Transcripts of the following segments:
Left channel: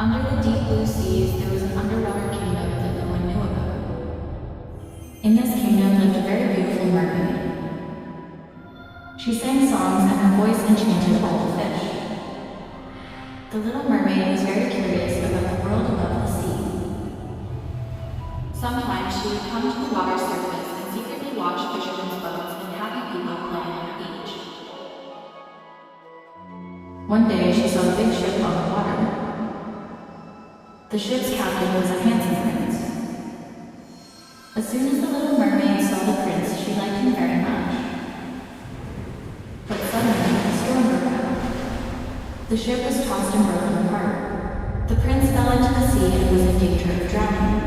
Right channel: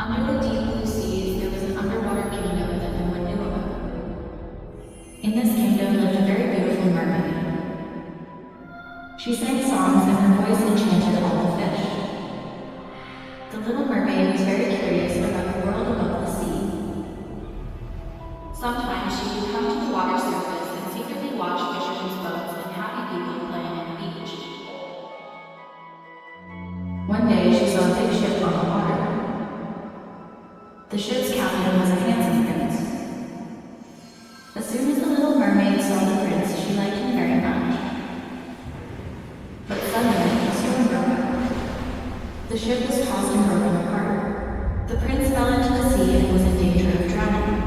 Under the deep blue seas, there was an underwater kingdom that no one knew about. In this kingdom lived a very beautiful mermaid. She sang songs and her voice enchanted all the fish. The little mermaid was very curious about the world above the sea. Sometimes she would come to the water's surface and secretly watch fishermen's boats and happy people playing on the beach. One day she saw a big ship on the water. The ship's captain was a handsome prince. As soon as the little mermaid saw the prince, she liked him very much. But suddenly, a storm broke out. The ship was tossed and broken apart. The prince fell into the sea and was in danger of drowning.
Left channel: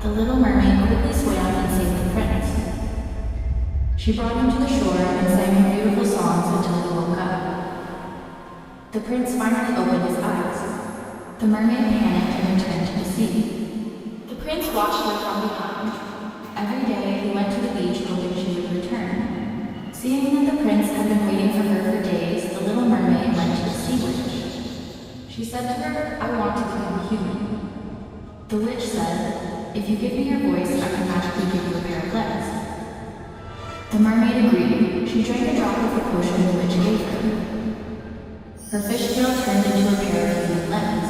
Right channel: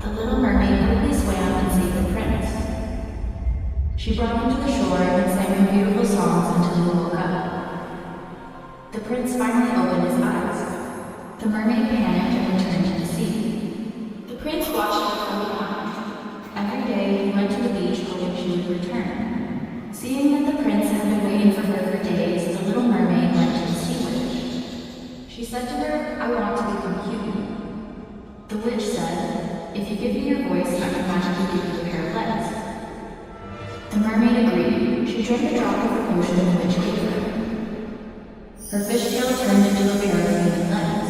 The little mermaid quickly swam and saved the prince. She brought him to the shore and sang him beautiful songs until he woke up. The prince finally opened his eyes. The mermaid panicked and returned to the sea. The prince watched her from behind. Every day he went to the beach hoping she would return. Seeing that the prince had been waiting for her for days, the little mermaid went to the sea witch. She said to her, "I want to become human." The witch said, "If you give me your voice, I can magically give you a pair of legs." The mermaid agreed. She drank a drop of the potion the witch gave her. Her fish tail turned into a pair of human legs,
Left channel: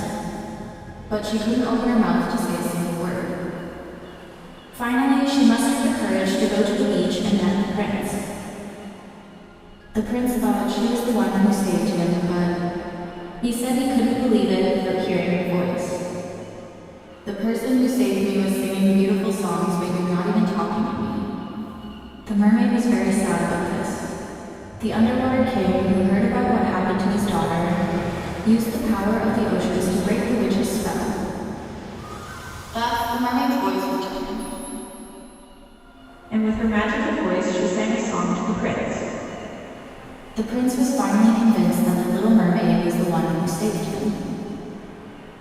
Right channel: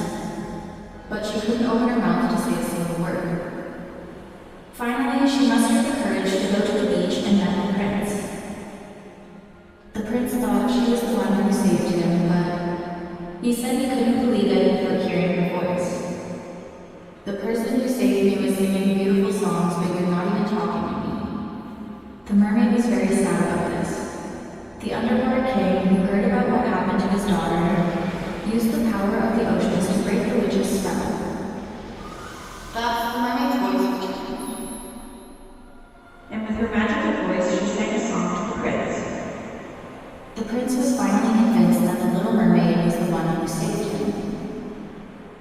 but she couldn't open her mouth to say a single word. Finally, she mustered the courage to go to the beach and met the prince. The prince thought she was the one who saved him, but he said he couldn't believe it for hearing her voice. "The person who saved me was singing beautiful songs, but you're not even talking to me." The mermaid was very sad about this. The underwater king, who heard about what happened to his daughter, used the power of the oceans to break the witch's spell. Thus, the mermaid's voice returned, and with her magical voice, she sang a song to the prince. The prince was finally convinced that the little mermaid was the one who saved him.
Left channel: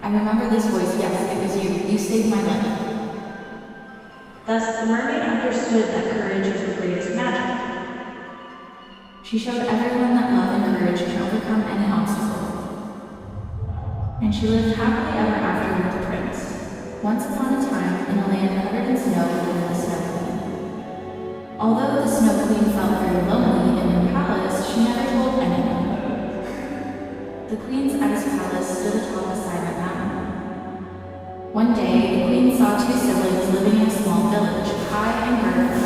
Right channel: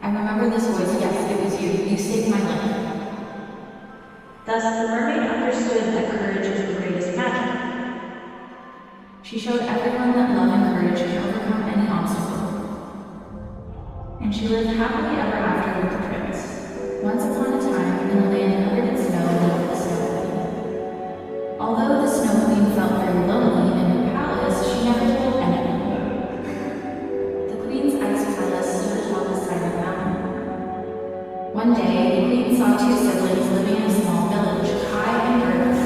"I remember this voice, yes, it was you. You saved my life." Thus, the mermaid understood that courage was the greatest magic. She showed everyone that love and courage can overcome any obstacle. And she lived happily ever after with the prince. Once upon a time, in a land covered in snow, lived the Snow Queen. Although the Snow Queen felt very lonely in her palace, she never told anyone. The Queen's ice palace stood atop a silent mountain. One day, the Queen saw two siblings living in a small village, Kai and Gerda.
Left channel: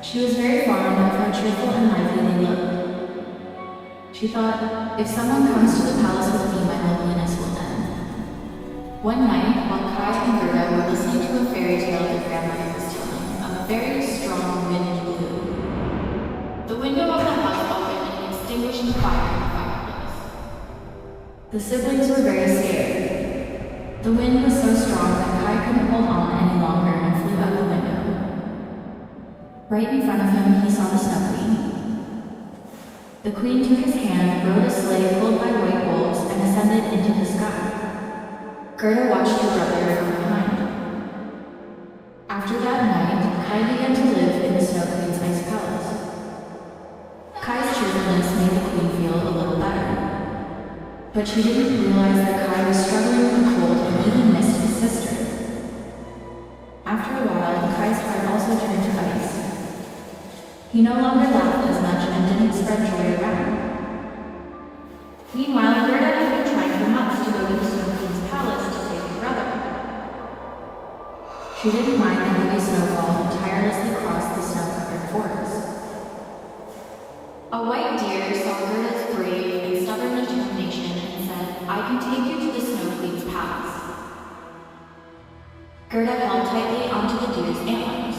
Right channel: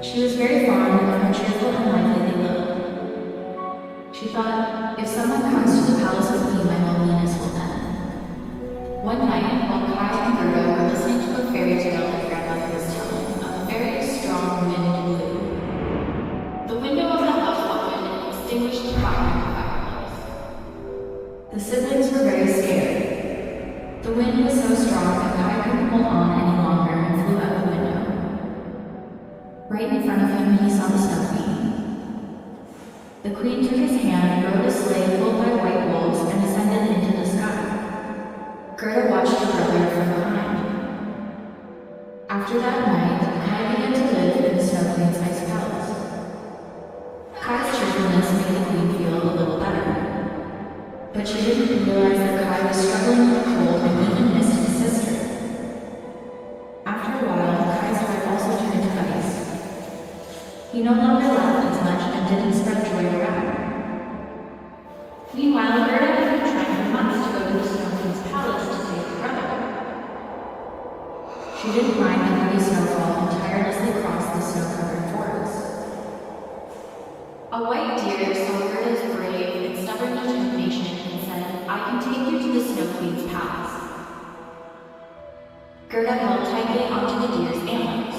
She was very fond of how cheerful and lively they looked. She thought, if someone comes to the palace with me, my loneliness will end. One night, while Kai and Gerda were listening to a fairy tale their grandmother was telling, a very strong wind blew. The window of the house opened and extinguished the fire in the fireplace. The siblings were very scared. The wind was so strong that Kai couldn't hold on any longer and flew out the window. Right in front of him, he saw the Snow Queen. The Queen took his hand, rode a sleigh pulled by white wolves, and ascended into the sky. Gerda watched her brother from behind. After that night, Kai began to live in the Snow Queen's ice palace. Kai's cheerfulness made the Queen feel a little better. But she didn't realize that Kai was struggling with the cold and even missed his sister. After a while, Kai's heart also turned to ice. He no longer laughed as much and didn't spread joy around. Meanwhile, Gerda had been trying for months to go to the Snow Queen's palace to save her brother. She didn't mind the heavy snowfall and tirelessly crossed the snow-covered forest. A white deer saw Gerda's brave and stubborn determination and said, "I can take you to the Snow Queen's palace." Gerda held tightly onto the deer's antlers.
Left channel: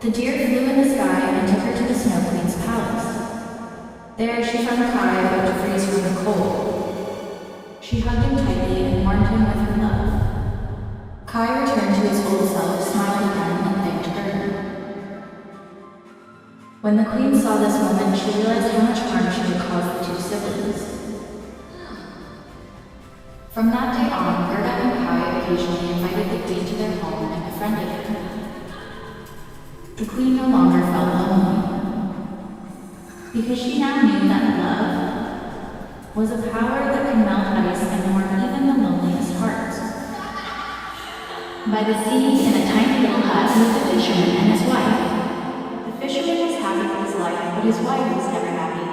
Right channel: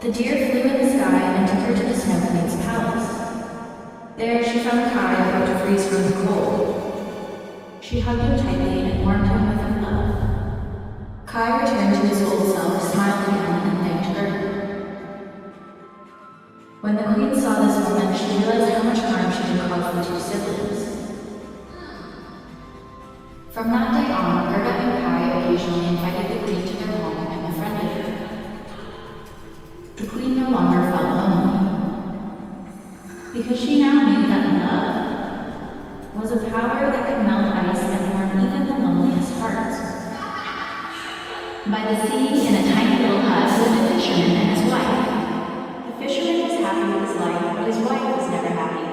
The deer flew in the sky and took her to the Snow Queen's palace. There she found Kai about to freeze from the cold. She hugged him tightly and warmed him with her love. Kai returned to his old self, smiled again, and thanked Gerda. When the Queen saw this moment, she realized how much harm she had caused the two siblings. From that day on, Gerda and Kai occasionally invited the Queen to their home and befriended her. The Queen no longer felt lonely, because she now knew that love was a power that could melt ice and By the sea, in a tiny little hut, lived a fisherman and his wife. The fisherman was happy with his life, but his wife was never happy.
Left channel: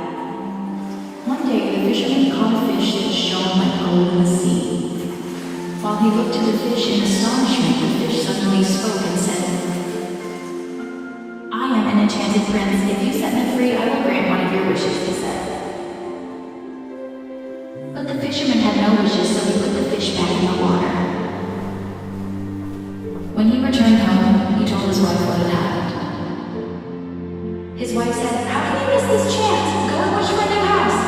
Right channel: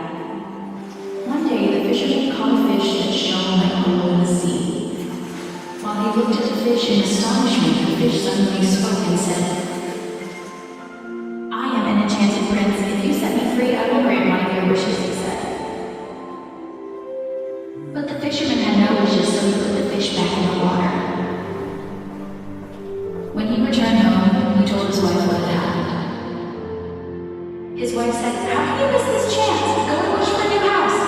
One day, the fisherman caught a fish that shone like gold in the sea. While he looked at the fish in astonishment, the fish suddenly spoke and said, "I am an enchanted prince. If you set me free, I will grant one of your wishes," he said. But the fisherman had no wishes, so he put the fish back in the water. When he returned home, he told his wife what had happened. His wife said, "How can you miss this chance? Go and wish for a new house."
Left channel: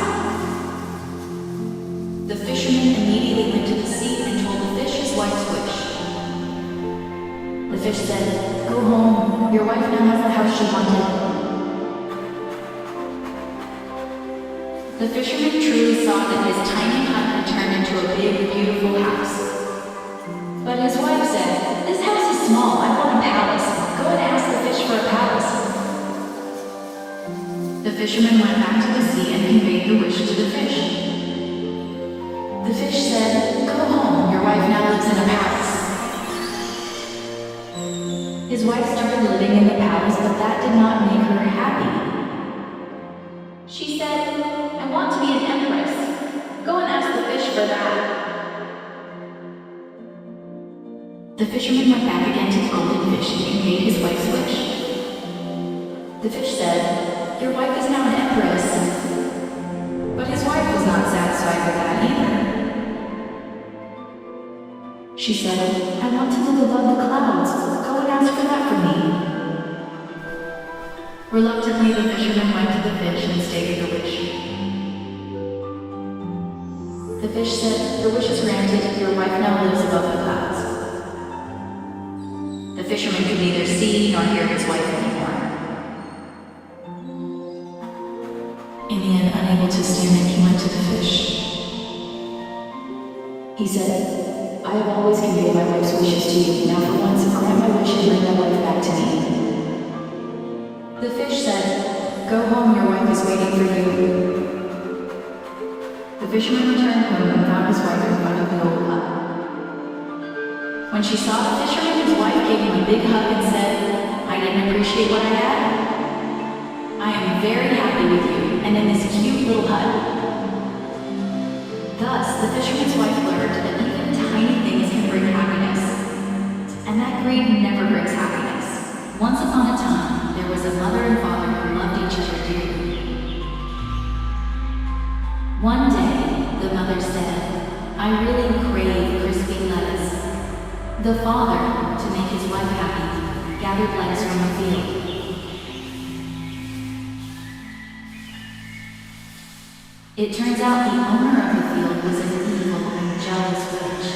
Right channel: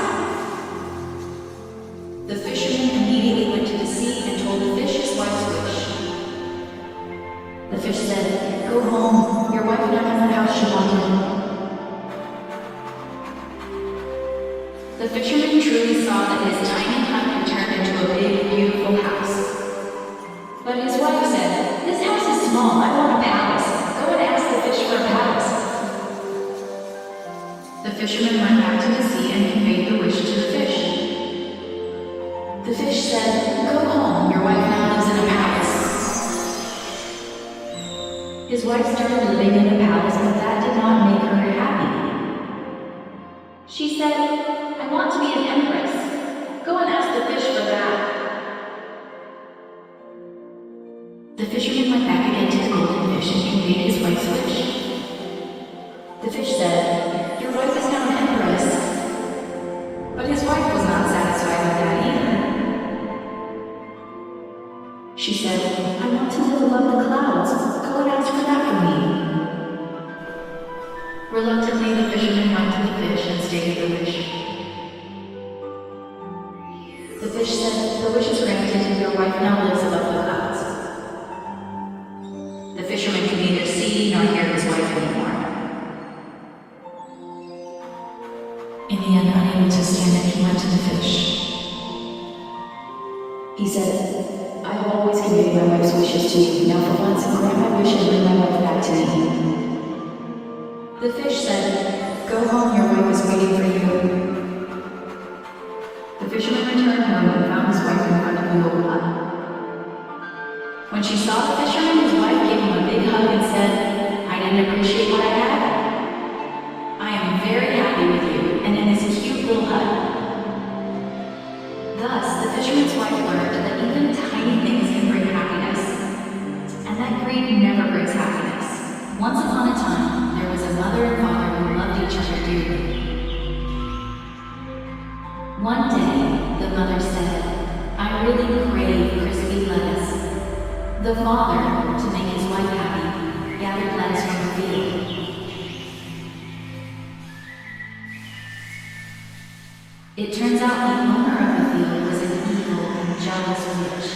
The fisherman immediately went to the sea and told the fish his wife's wish. The fish said, "Go home. Your wife now has the house she wanted." The fisherman truly saw that his tiny hut had turned into a big, beautiful house. But his wife said, "This house is small. I want a palace. Go and ask the fish for a palace." The fisherman went back to the sea and conveyed the wish to the fish. The fish said, "Go home. Your wife now lives in a palace." His wife started living in the palace, but that did not make her happy. She said, "I want to be an empress. Go and ask the fish for that." The fisherman went back again to the golden fish and conveyed his wife's wish. The fish said, "Your wife is now an empress." But his wife was not satisfied with that either. She said, "I want to live above the clouds. Go and ask for that for me." Reluctantly, the fisherman went to the fish and stated the wish. The fish said, "The wish is granted. Your wife now lives above the clouds." The fisherman could neither see nor hear his wife anymore. In the end, unable to stand it, he went to the fish. He said, "I have always conveyed my wife's wishes to you. Now for once, grant my wish and bring my wife back to me." The fish said, "Go home, your wife is waiting for you." The fisherman returned home and found his wife in front of the old hut. When she saw the fisherman, his wife gave him a big hug and said, "I didn't appreciate what I had. I am very happy with you and in this cute little hut." Thus, the fisherman's wife learned that even tiny things can bring happiness, and that greed never brings happiness. Once upon a time, there was a mother and father who loved each other dearly. One day, the mother said, "I really crave crispy lettuce." The father, to make his wife happy, gathered lettuce from the field. It turns out the owner of the field was an evil and jealous witch.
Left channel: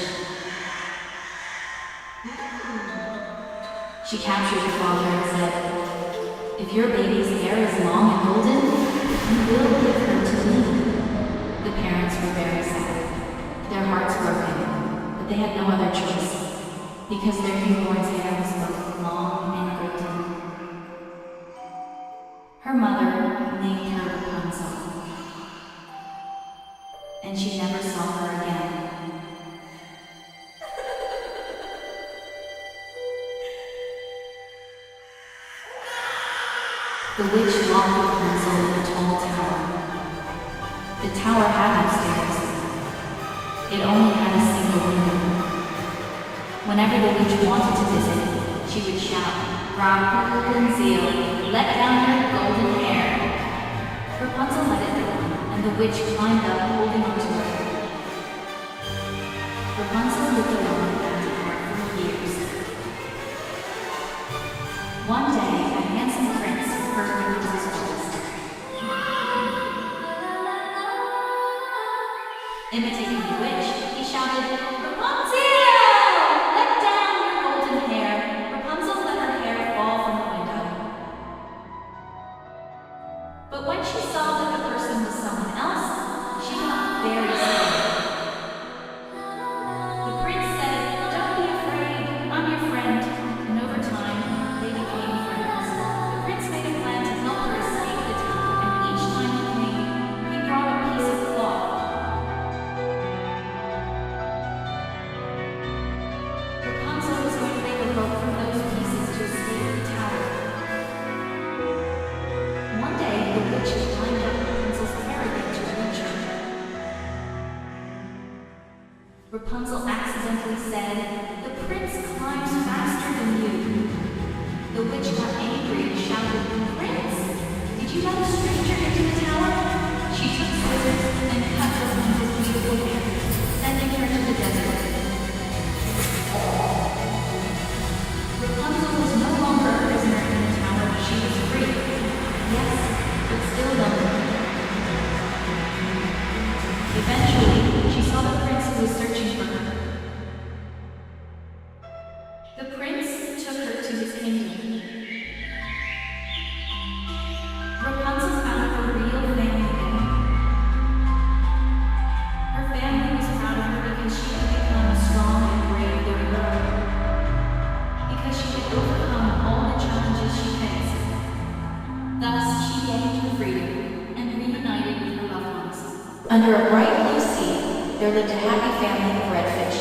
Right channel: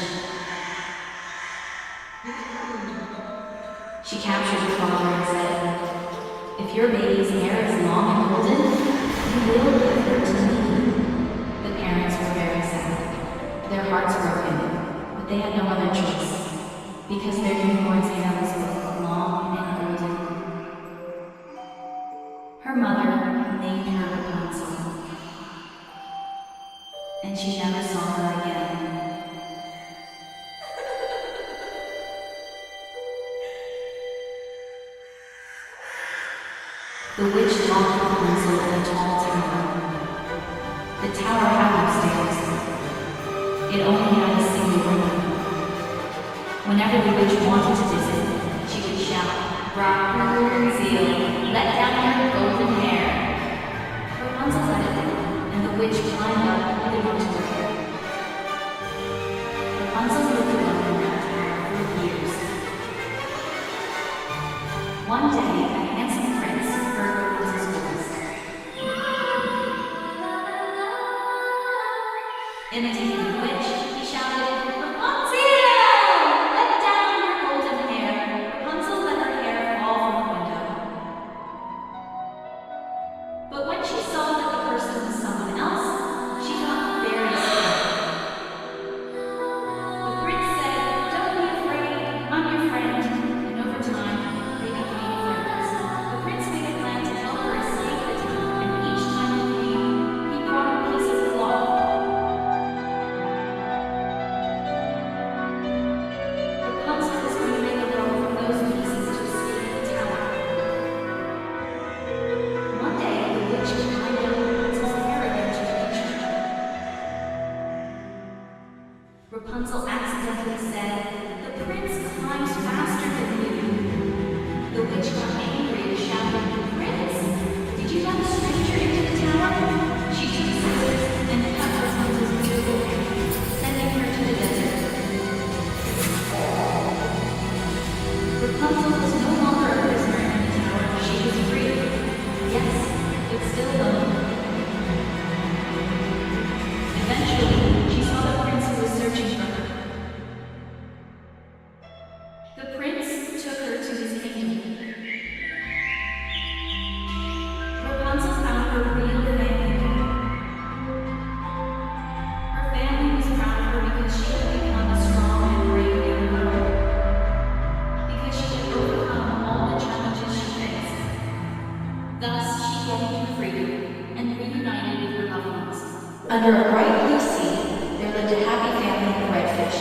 She captured the father and said, "If your baby's hair is long and golden, you will give her to me." The parents were very sad, their hearts broken, but they had no other choice, because their newborn's hair was both long and golden. Her mother named her Rapunzel, and she never saw her again. The witch locked Rapunzel in a tall tower. The tower had no stairs. It only had a single window. Whenever the witch wanted to visit, she would shout, "Rapunzel, let down your golden hair." Rapunzel let it go, and the witch climbed up, holding onto her hair. Rapunzel lived alone in that tower for years. One day, a handsome prince heard Rapunzel's request. Imitating the witch, he shouted, "Rapunzel! Let down your golden hair." Rapunzel let her hair fall from the window. But when she saw that the person was someone else, she got very scared. The prince said, "Don't be afraid, I'm your friend." And over time, they became friends. The prince made a plan to help her escape the town, and each time he came, he brought a piece of cloth. Rapunzel accidentally said, "The prince climbs faster than you." The witch got angry and shouted, "Prince, did you let a stranger into the tower?" She took scissors and cut Rapunzel's beautiful hair, sending her to the desert. Rapunzel was no longer a prisoner in the tower. She was free. Yes, but still lonely. Eventually, she saw the prince who was searching for her. The prince took her to his kingdom. Rapunzel found her real family. Her family was proud of her because she had become a strong and brave young girl. Because she had overcome all the challenges she faced. Thus, she gained freedom and reunited with her loved ones. Under a bright blue sea, there lived a happy family of redfish.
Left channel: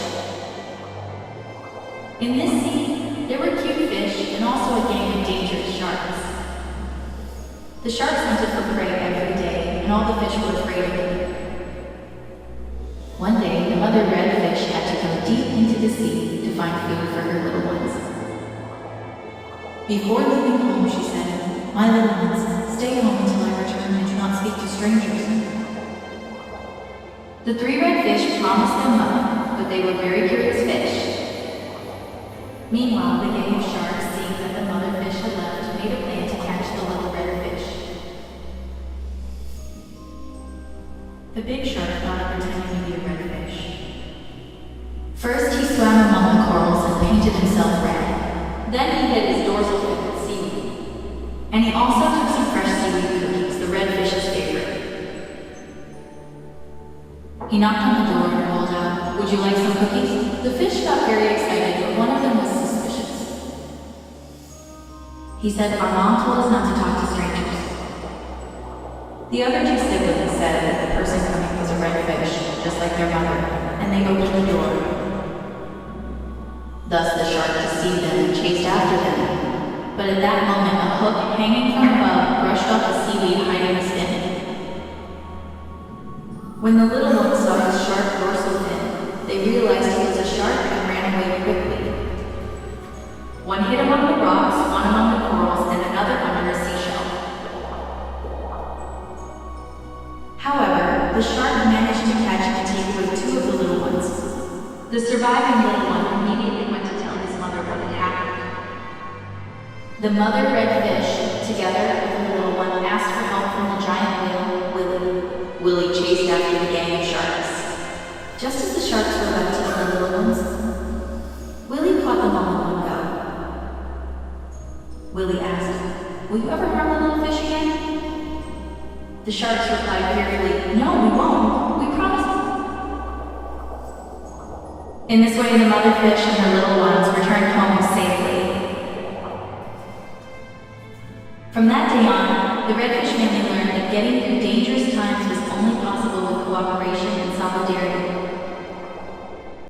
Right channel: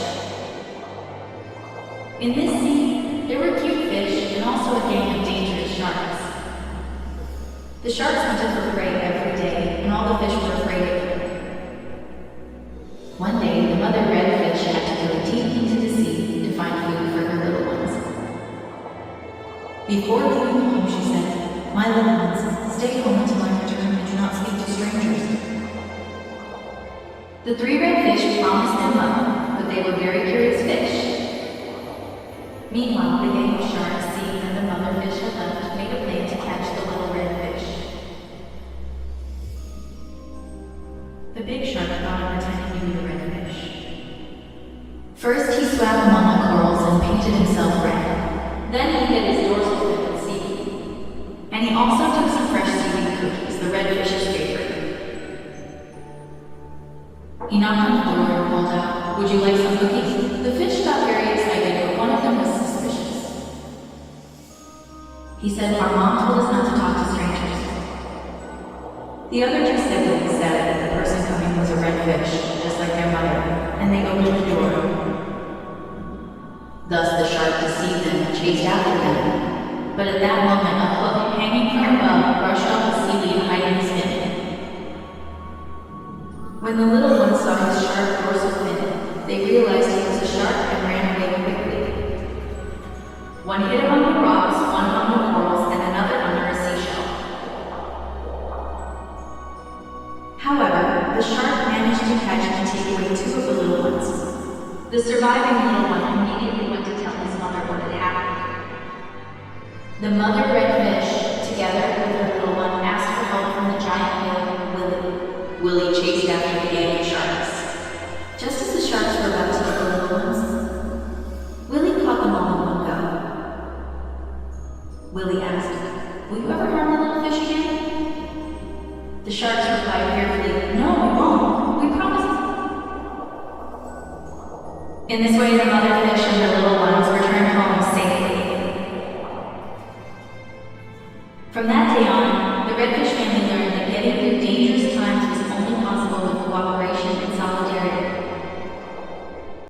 In this sea, there were cute fish and also a gang of dangerous sharks. The sharks hunted for prey every day, and all the fish were afraid of them. One day, the mother redfish had to go deep into the sea to find food for her little ones. Before leaving home, she said, "My little ones, stay home until I return and do not speak to strangers." The three redfish promised them well, but they were very curious fish. Meanwhile, the gang of sharks, seeing that the mother fish had left, made a plan to catch the little red fish. The big shark thought of pretending to be a red fish. First, he swam among the corals and painted himself red. Then he hid his dorsal fin with seaweed. And he also took some fresh seaweed cookies, the red fish's favorite. He knocked on the door and called out, "Would you like some cookies?" The fish got very excited, but one of them was suspicious. He said, "Our mom told us not to talk to strangers." The other two siblings said that the person coming was a red fish, just like their mother, and they opened the door. Thus the shark deceived them and chased after them. But at that moment, a hook hanging from above brushed off the seaweed hiding his fin. When the little ones saw his sharp dorsal fin, they realized he was a shark and ran away quickly. One hid among the rocks, one among the corals, and another under a seashell. However, the shark managed to catch and take away two of the little ones. The surviving little one immediately went to tell his mother what had happened. The mother redfish, together with the little one, asked for help from the giant whale, Willie. Willie chased after the gang of sharks. Just as the sharks were about to eat the little ones, Willie caught them all in one go. Willie asked, "Will you ever harm the little fish again?" The sharks replied fearfully, "No, we won't. We promise." In this way, the mother fish and her little ones returned home